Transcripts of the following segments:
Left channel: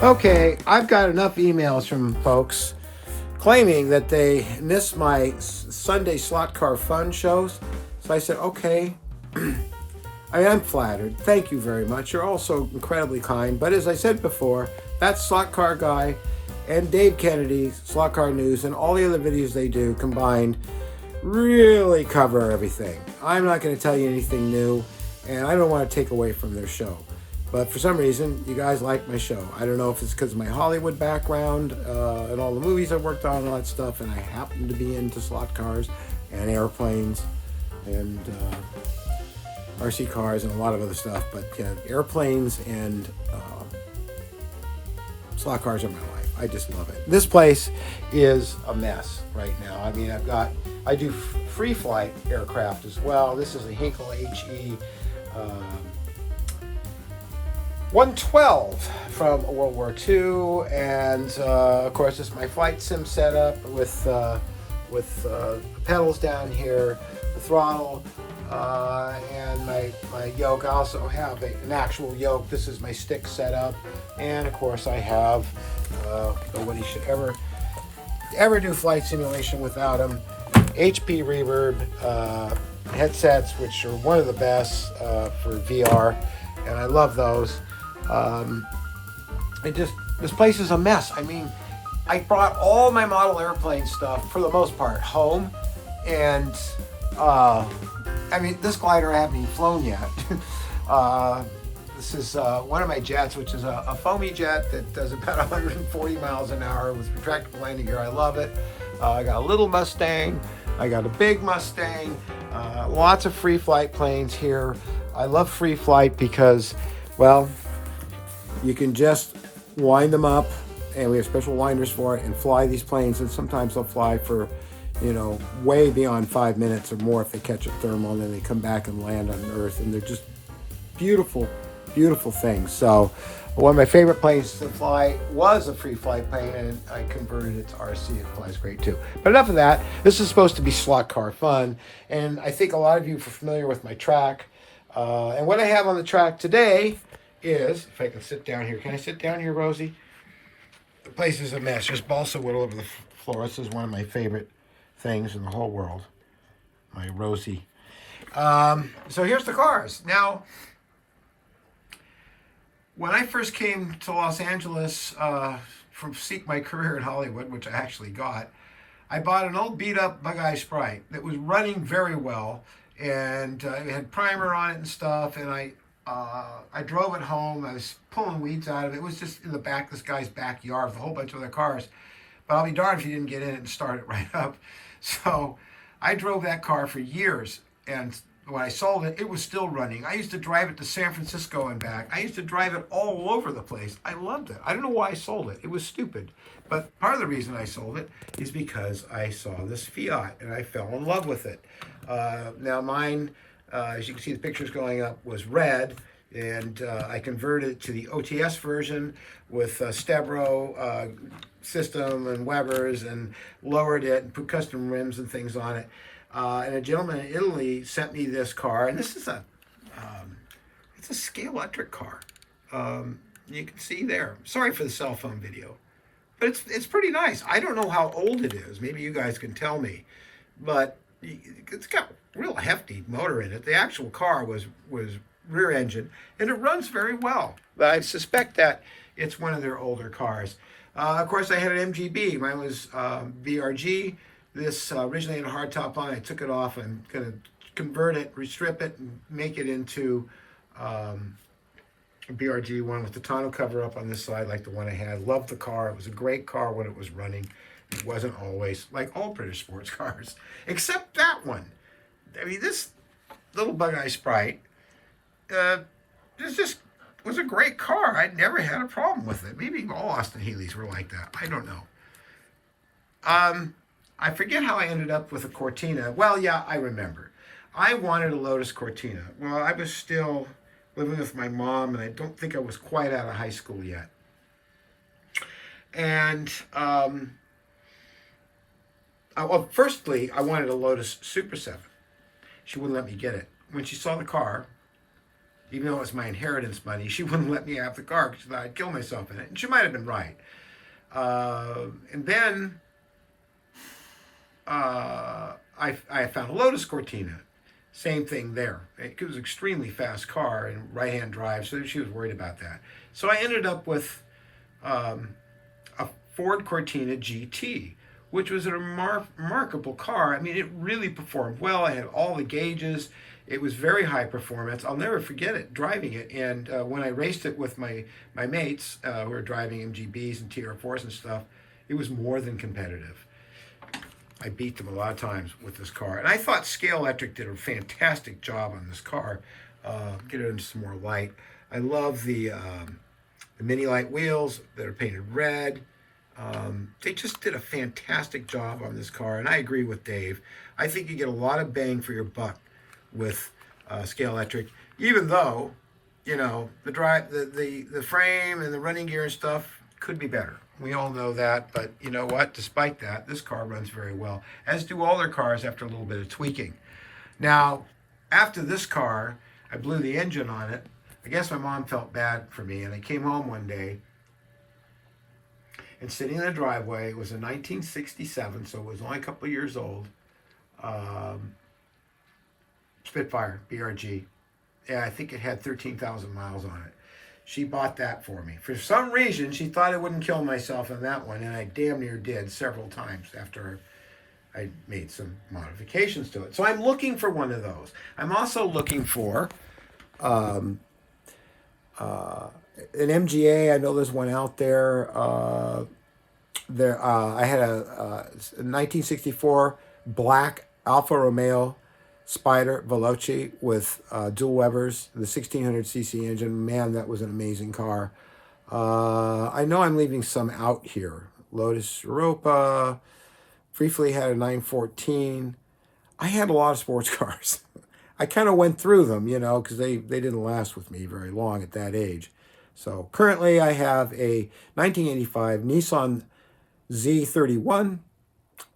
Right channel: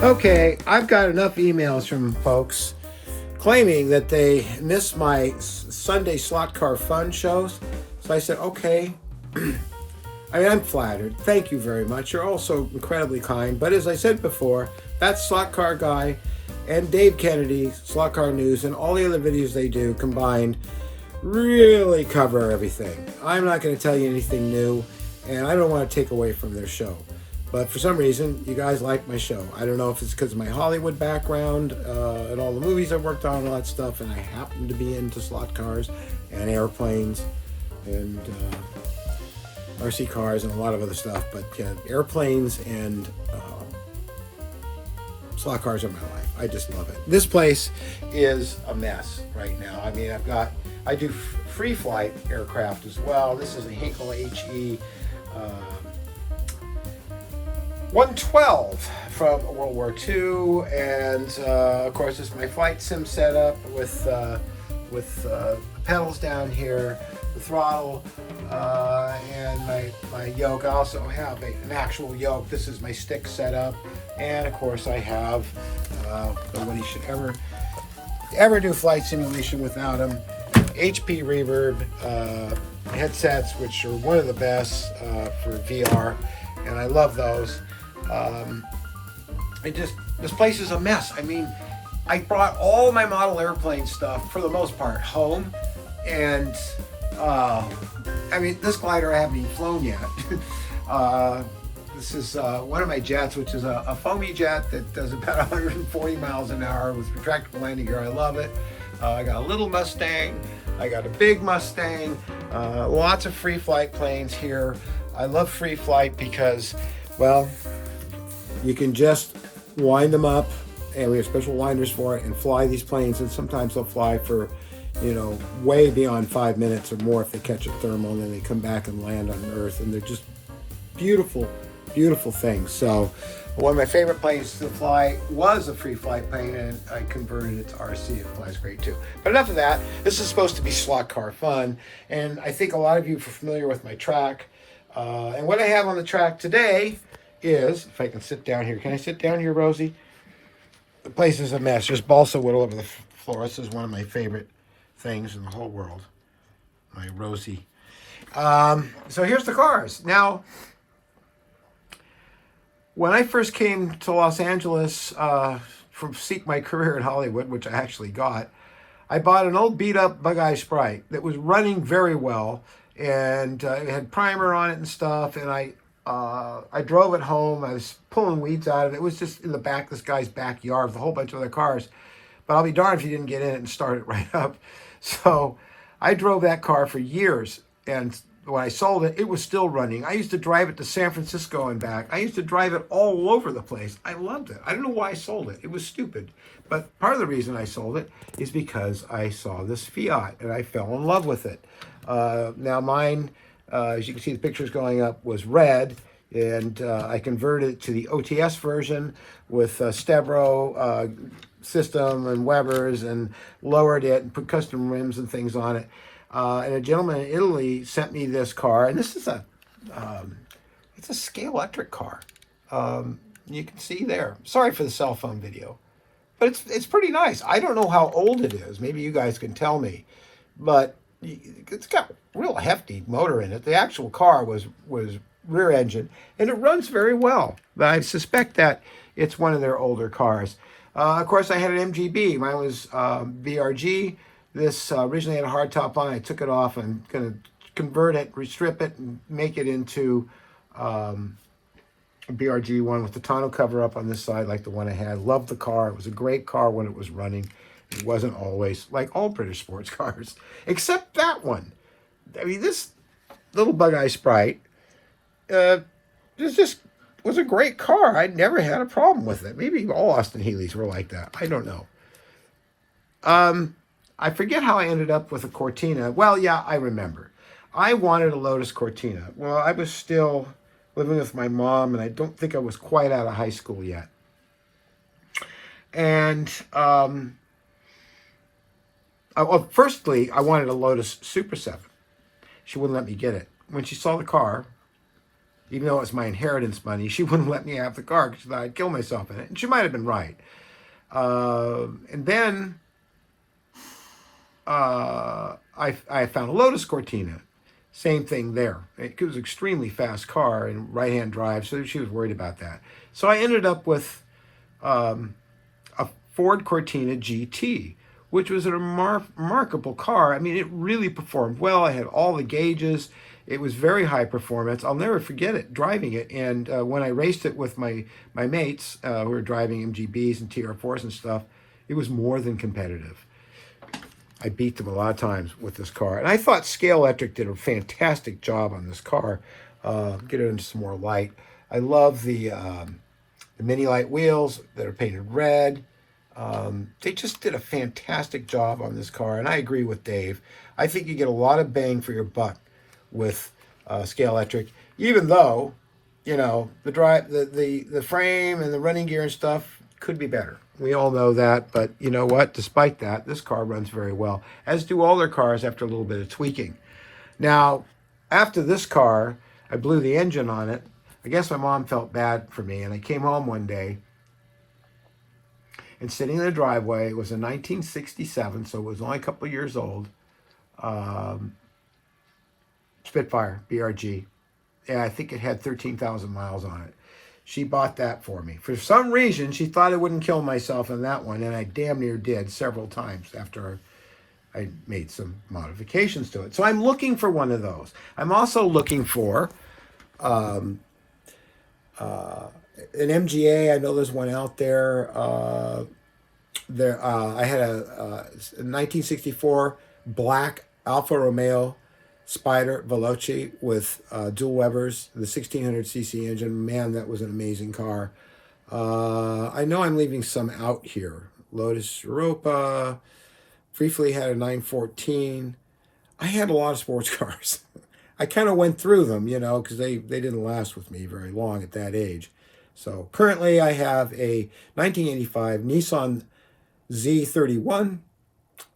Okay, I've got enough emails from folks claiming that they missed my Sunday slot car fun shows. So I said, okay. I'm flattered. Thank you very much. You're also incredibly kind. But as I said before, that Slot Car Guy and Dave Kennedy, Slot Car News, and all the other videos they do combined really cover everything. I'm not going to tell you anything new, and I don't want to take away from their show. But for some reason, you guys like my show. I don't know if it's because of my Hollywood background and all the movies I've worked on and all that stuff, and I happen to be into slot cars and airplanes and RC cars and a lot of other stuff. But airplanes and slot cars are my life. I just love it. This place is a mess right now. I mean, I do free flight aircraft as well. This is a Hinkle HE 112 from World War II, and of course, this is my flight sim setup with pedals down here, the throttle, and my yoke. I also have an actual yoke. This is my stick setup, and of course, I have nobody should ever do flight simulation without them. HP Reverb headsets, which are one of the best for VR, and I love those. This place is a mess. I mean, I brought all my model airplane stuff for the most part home, and I mean, this glider I haven't even flown yet. This is one of my jets, which is a foamy jet that does about 140 miles an hour with retractable landing gear. I love it. I got a little Mustang. I got a big Mustang. Lots of free flight planes here. I love free flight because, well, you can just wind them up, and we have special winders for it, and fly these planes. And sometimes they'll fly for, way beyond 5 minutes or more if they catch a thermal, and then they come back and land on Earth, and they're just beautiful, beautiful things. So one of my favorite planes to fly was a free flight plane, and I converted it to RC. It flies great too. But enough of that. This is supposed to be slot car fun, and I think a lot of you are familiar with my track. And what I have on the track today is, if I can sit down here. Can I sit down here, Rosie? The place is a mess. There's balsa wood all over the floor. This is one of my favorite things in the whole world. My Rosie. So here's the cars. Now, when I first came to Los Angeles from seek my career in Hollywood, which I actually got, I bought an old beat-up Bug-Eye Sprite that was running very well, and it had primer on it and stuff, and I drove it home. I was pulling weeds out of it. It was just in the back of this guy's backyard with a whole bunch of other cars. But I'll be darned if he didn't get in it and start it right up. So I drove that car for years, and when I sold it, it was still running. I used to drive it to San Francisco and back. I used to drive it all over the place. I loved it. I don't know why I sold it. It was stupid. But part of the reason I sold it is because I saw this Fiat, and I fell in love with it. Now mine, as you can see the pictures going up, was red, and I converted it to the OTS version with Stebro system and Webers, and lowered it and put custom rims and things on it. And a gentleman in Italy sent me this car, and this is it's a Scalextric car. You can see there. Sorry for the cell phone video, but it's pretty nice. I don't know how old it is. Maybe you guys can tell me, but it's got a real hefty motor in it. The actual car was rear engine, and it runs very well. But I suspect that it's one of their older cars. Of course, I had an MGB. Mine was VRG. This originally had a hard top line. I took it off. I'm going to convert it, restrip it, and make it into a BRG one with the tonneau cover up on this side like the one I had. Loved the car. It was a great car when it was running. It wasn't always, like all British sports cars, except that one. I mean, this little Bug-Eye Sprite was a great car. I never had a problem with it. Maybe all Austin Healey's were like that. I don't know. I forget how I ended up with a Cortina. Well, yeah, I remember. I wanted a Lotus Cortina. Well, I was still living with my mom, and I don't think I was quite out of high school yet. And well, firstly, I wanted a Lotus Super 7. She wouldn't let me get it. When she saw the car, even though it was my inheritance money. She wouldn't let me have the car because she thought I'd kill myself in it. And she might have been right. And then I found a Lotus Cortina. Same thing there. It was an extremely fast car and right-hand drive, so she was worried about that. So I ended up with a Ford Cortina GT, which was a remarkable car. I mean, it really performed well. I had all the gauges. It was very high performance. I'll never forget it, driving it. And when I raced it with my mates who were driving MGBs and TR4s and stuff, it was more than competitive. I beat them a lot of times with this car. And I thought Scale Electric did a fantastic job on this car. Get it into some more light. I love the mini light wheels that are painted red. They just did a fantastic job on this car. And I agree with Dave. I think you get a lot of bang for your buck with Scale Electric, even though, you know, the frame and the running gear and stuff could be better. We all know that, but you know what? Despite that, this car runs very well, as do all their cars after a little bit of tweaking. Now, after this car, I blew the engine on it. I guess my mom felt bad for me, and I came home one day, and sitting in the driveway, it was a 1967, so it was only a couple of years old, Spitfire, BRG. Yeah, I think it had 13,000 miles on it. She bought that for me. For some reason, she thought I wouldn't kill myself in that one, and I damn near did several times after I made some modifications to it. So I'm looking for one of those. I'm also looking for an MGA. I know there's one out there. I had a 1964 black Alfa Romeo Spider Veloce with dual Webers, the 1600cc engine. Man, that was an amazing car. I know I'm leaving some out here. Lotus Europa, briefly had a 914. I had a lot of sports cars. I kind of went through them, you know, because they didn't last with me very long at that age. So currently I have a 1985 Nissan Z31,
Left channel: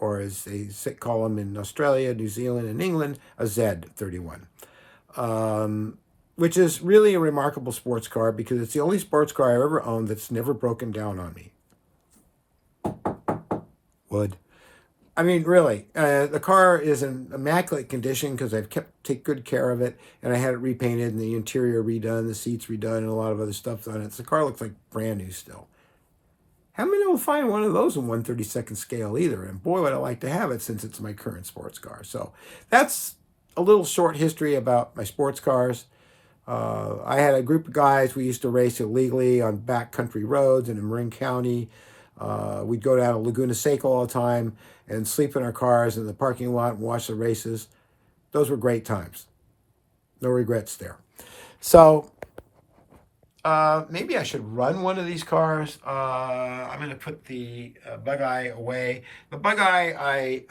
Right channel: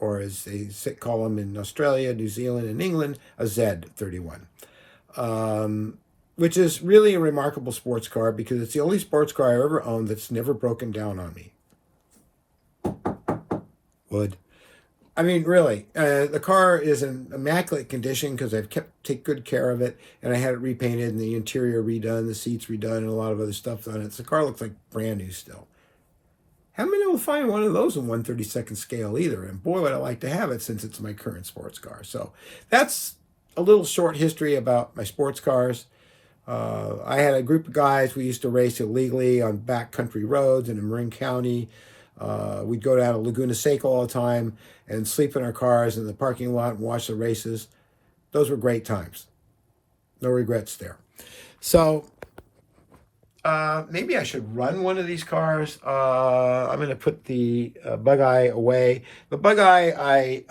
or as they call them in Australia, New Zealand, and England, a Z31, which is really a remarkable sports car because it's the only sports car I've ever owned that's never broken down on me. Wood. I mean, really, the car is in immaculate condition because I've take good care of it, and I had it repainted and the interior redone, the seats redone, and a lot of other stuff on it. So the car looks like brand new still. Haven't been able to find one of those in 1/32nd scale either, and boy, would I like to have it since it's my current sports car. So that's a little short history about my sports cars. I had a group of guys. We used to race illegally on backcountry roads and in Marin County. We'd go down to Laguna Seca all the time and sleep in our cars in the parking lot and watch the races. Those were great times. No regrets there. So maybe I should run one of these cars. I'm going to put the Bug-Eye away. The Bug-Eye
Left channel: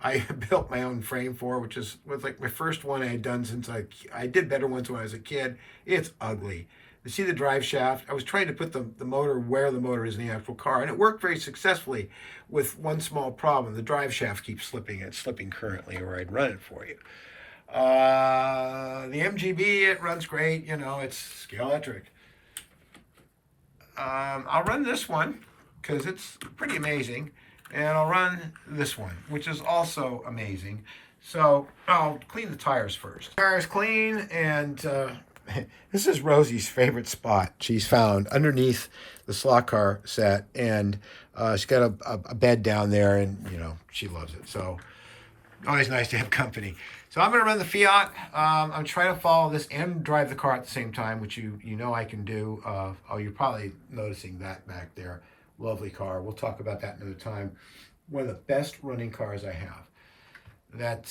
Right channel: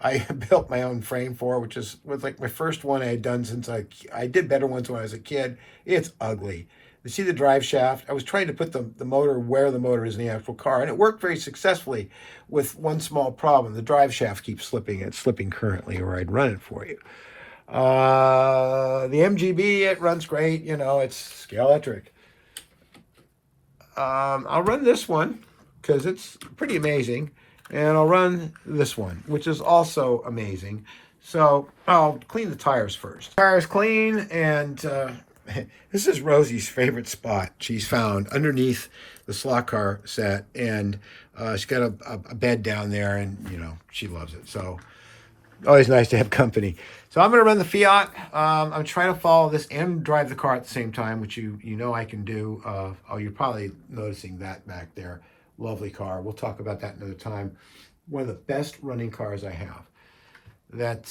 I built my own frame for, which was like my first one I had done since I did better ones when I was a kid. It's ugly. You see the drive shaft? I was trying to put the motor where the motor is in the actual car, and it worked very successfully with one small problem. The drive shaft keeps slipping, and it's slipping currently, or I'd run it for you. The MGB, it runs great. You know, it's Scale Electric. I'll run this one because it's pretty amazing, and I'll run this one, which is also amazing. So I'll clean the tires first. Tires clean, and this is Rosie's favorite spot she's found underneath the slot car set, and she's got a bed down there, and you know she loves it. So always nice to have company. So I'm going to run the Fiat. I'm trying to follow this and drive the car at the same time, which you know I can do. Oh, you're probably noticing that back there. Lovely car. We'll talk about that another time. One of the best running cars I have. That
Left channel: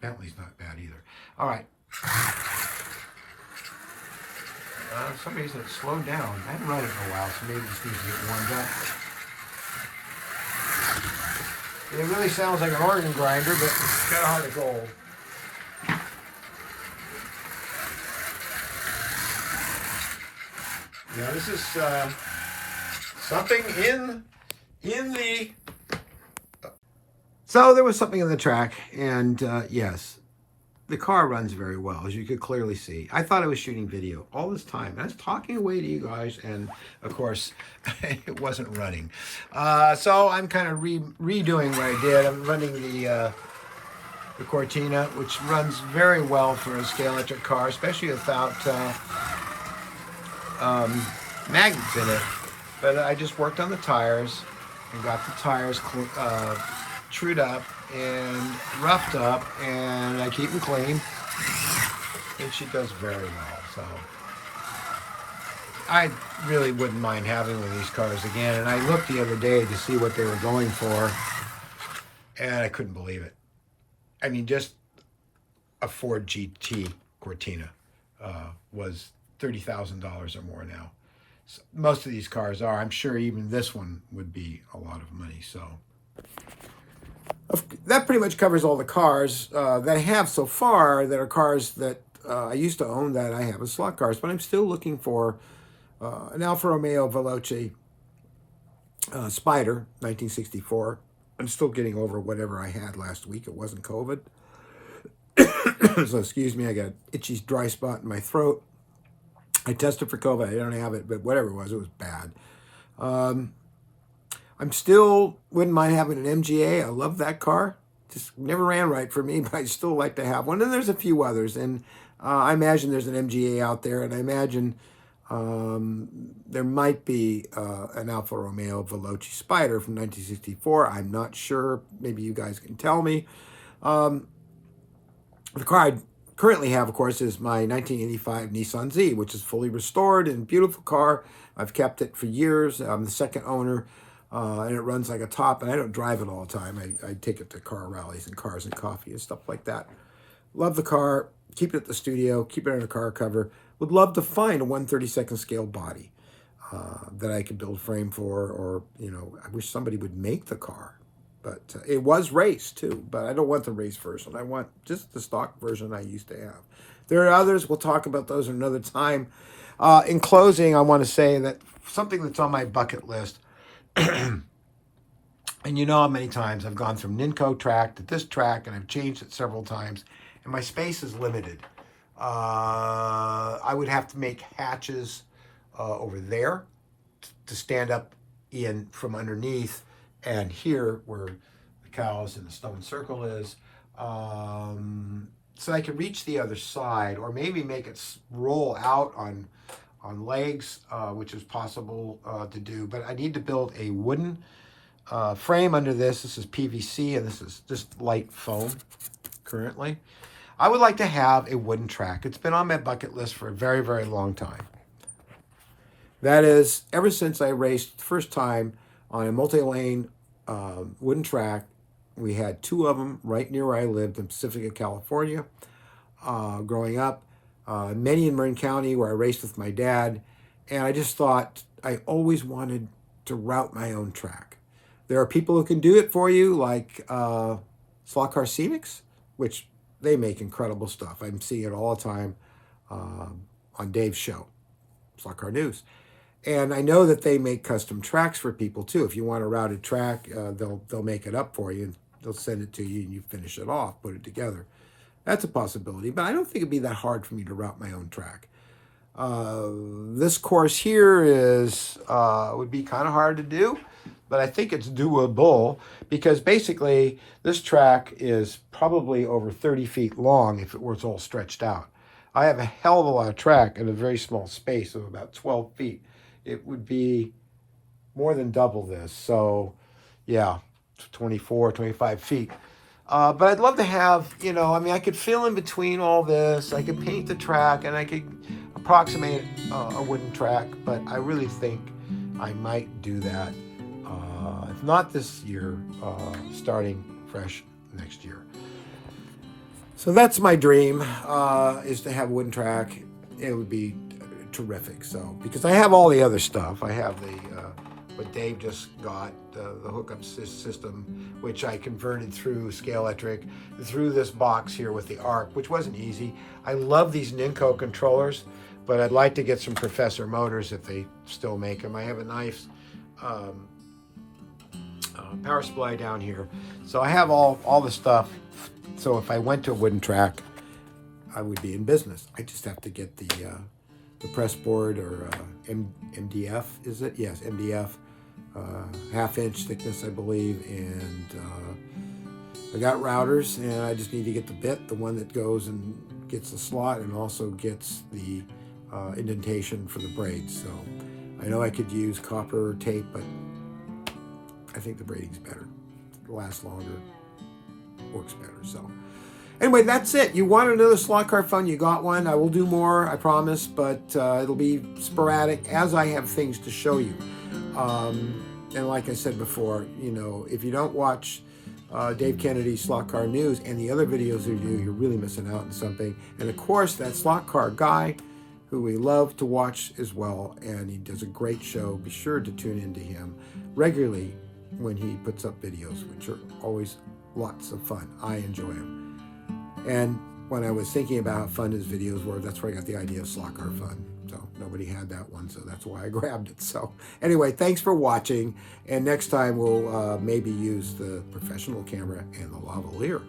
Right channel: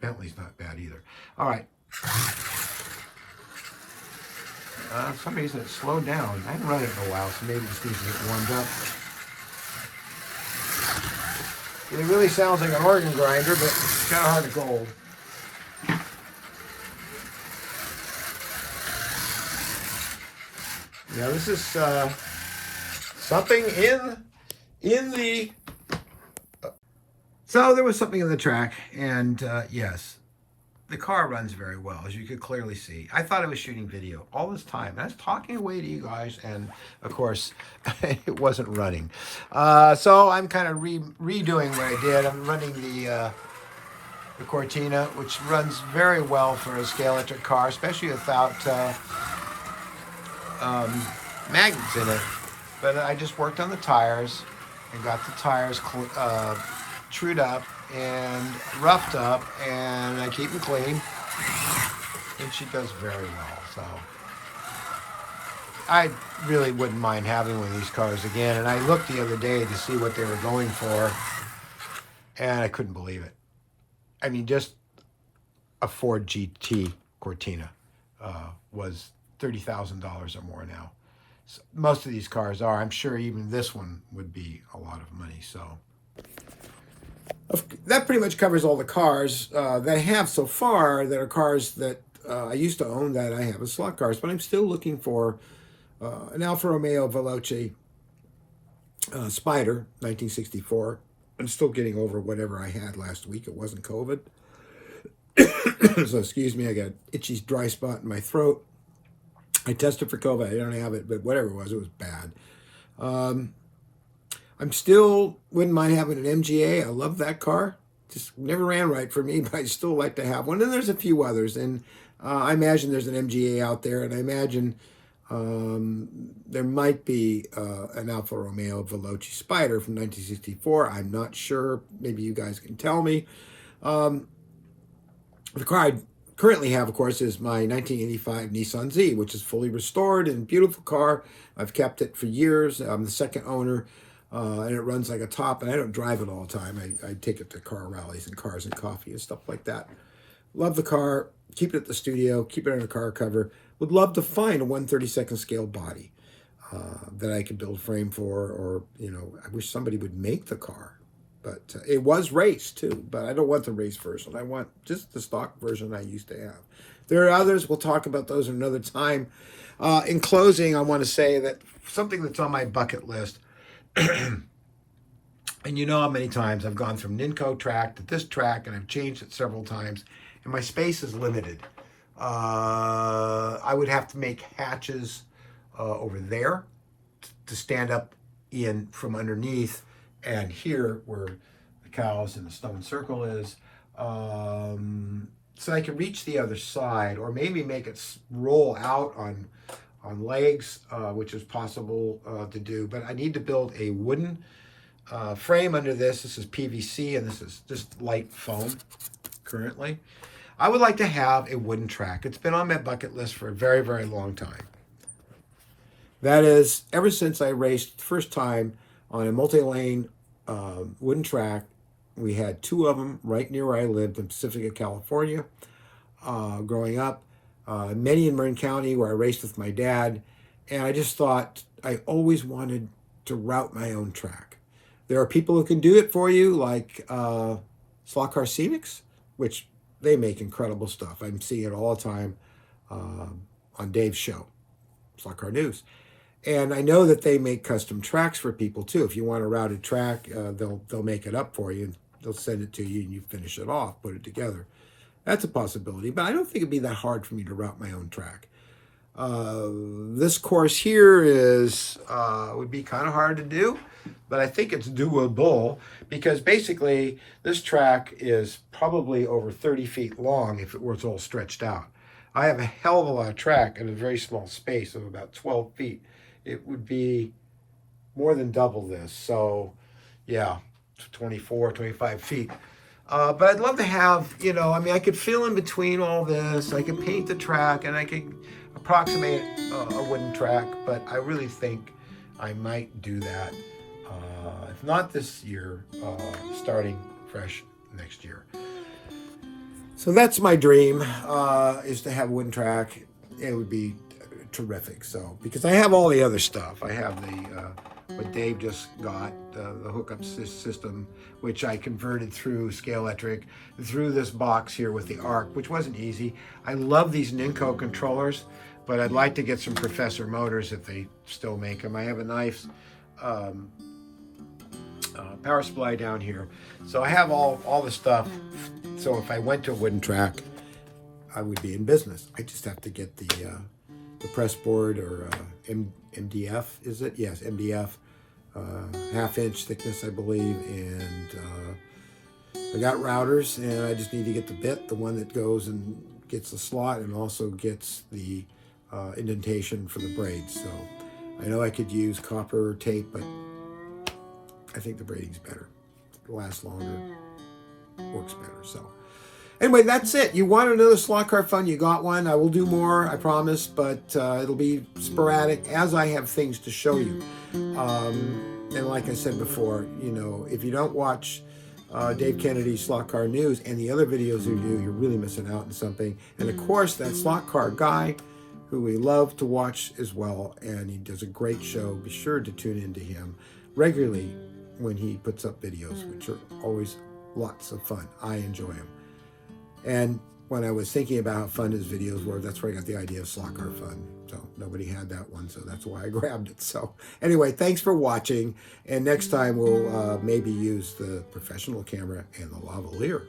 Bentley's not bad either. All right. For some reason it slowed down. I haven't run it in a while, so maybe it just needs to get warmed up. It really sounds like an organ grinder, but it's got a heart of gold. Yeah, this is something in the... So there was something in the track, and yes, the car runs very well, as you could clearly see. I thought I was shooting video all this time. I was talking away to you guys, and of course, it wasn't running. So I'm kind of redoing what I did. I'm running the Cortina, which runs very well for a Scalextric car, especially without magnets in it. But I just worked on the tires and got the tires trued up and roughed up, and I keep them clean, and she does very well. So I really wouldn't mind having one of these cars again. And I looked the other day to see what they were going for, and I couldn't believe it. I mean, just a Ford GT Cortina was $30,000 or more now. So most of these cars are. I'm sure even this one would be a lot of money. So that pretty much covers all the cars that I have so far that are cars that I used to own that I have as slot cars. But I'm still looking for an Alfa Romeo Veloce Spider, 1964. I'm still getting over whatever I had last week. It wasn't COVID. So excuse me, I got an itchy dry spot in my throat. I tested for COVID. I don't have it, but whatever it was bad. I'm still wouldn't mind having an MGA. I love that car. Just never ran right for me, but I still like to have one. And there's a few others. And I imagine there's an MGA out there. And I imagine there might be an Alfa Romeo Veloce Spider from 1964. I'm not sure. Maybe you guys can tell me. The car I currently have, of course, is my 1985 Nissan Z, which is fully restored and beautiful car. I've kept it for years. I'm the second owner, and it runs like a top, and I don't drive it all the time. I take it to car rallies and Cars and Coffee and stuff like that. Love the car. Keep it at the studio. Keep it on a car cover. Would love to find a 1/32 scale body that I could build frame for, or, you know, I wish somebody would make the car. But it was raced too, but I don't want the race version. I want just the stock version I used to have. There are others. We'll talk about those another time. In closing, I want to say that something that's on my bucket list, and you know how many times I've gone from Ninco track to this track, and I've changed it several times, and my space is limited. I would have to make hatches over there to stand up in from underneath, and here where the cows and the stone circle is, so I can reach the other side, or maybe make it roll out on legs, which is possible to do. But I need to build a wooden frame under this. This is PVC, and this is just light foam currently. I would like to have a wooden track. It's been on my bucket list for a very, very long time. That is, ever since I raced the first time on a multi-lane wooden track. We had two of them right near where I lived in Pacifica, California, growing up. Many in Marin County, where I raced with my dad. And I just thought I always wanted to route my own track. There are people who can do it for you, like Slot Car Scenics, which they make incredible stuff. I'm seeing it all the time on Dave's show, Slot Car News. And I know that they make custom tracks for people too. If you want a routed track, they'll make it up for you, and they'll send it to you, and you finish it off, put it together. That's a possibility, but I don't think it'd be that hard for me to route my own track. This course here is would be kind of hard to do, but I think it's doable, because basically this track is probably over 30 feet long if it was all stretched out. I have a hell of a lot of track in a very small space of about 12 feet. It would be more than double this. So yeah, 24, 25 feet. But I'd love to have, you know, I mean, I could fill in between all this. I could paint the track, and I could approximate a wooden track. But I really think I might do that. If not this year, starting fresh next year. So that's my dream, is to have a wooden track. It would be terrific. So, because I have all the other stuff. I have the what Dave just got, the hookup system, which I converted through Scalextric, through this box here with the ARC, which wasn't easy. I love these Ninco controllers, but I'd like to get some Professor motors if they still make them. I have a nice power supply down here. So I have all the stuff. So if I went to a wooden track, I would be in business. I just have to get the press board, or MDF, is it? Yes, MDF, 1/2 inch thickness, I believe, and I got routers, and I just need to get the bit, the one that goes and gets the slot and also gets the indentation for the braids. So I know I could use copper tape, but I think the braiding's better. It lasts longer, works better. So anyway, that's it. You want another slot car fun, you got one. I will do more, I promise, but it'll be sporadic as I have things to show you. And like I said before, you know, if you don't watch Dave Kennedy's Slot Car News and the other videos we do, you're really missing out on something. And of course, that slot car guy, who we love to watch as well, and he does a great show. Be sure to tune into him regularly when he puts up videos, which are always lots of fun. I enjoy them. And when I was thinking about how fun his videos were, that's where I got the idea of Slot Car Fun. So nobody had that one, so that's why I grabbed it. So anyway, thanks for watching. And next time we'll maybe use the professional camera and the lavalier.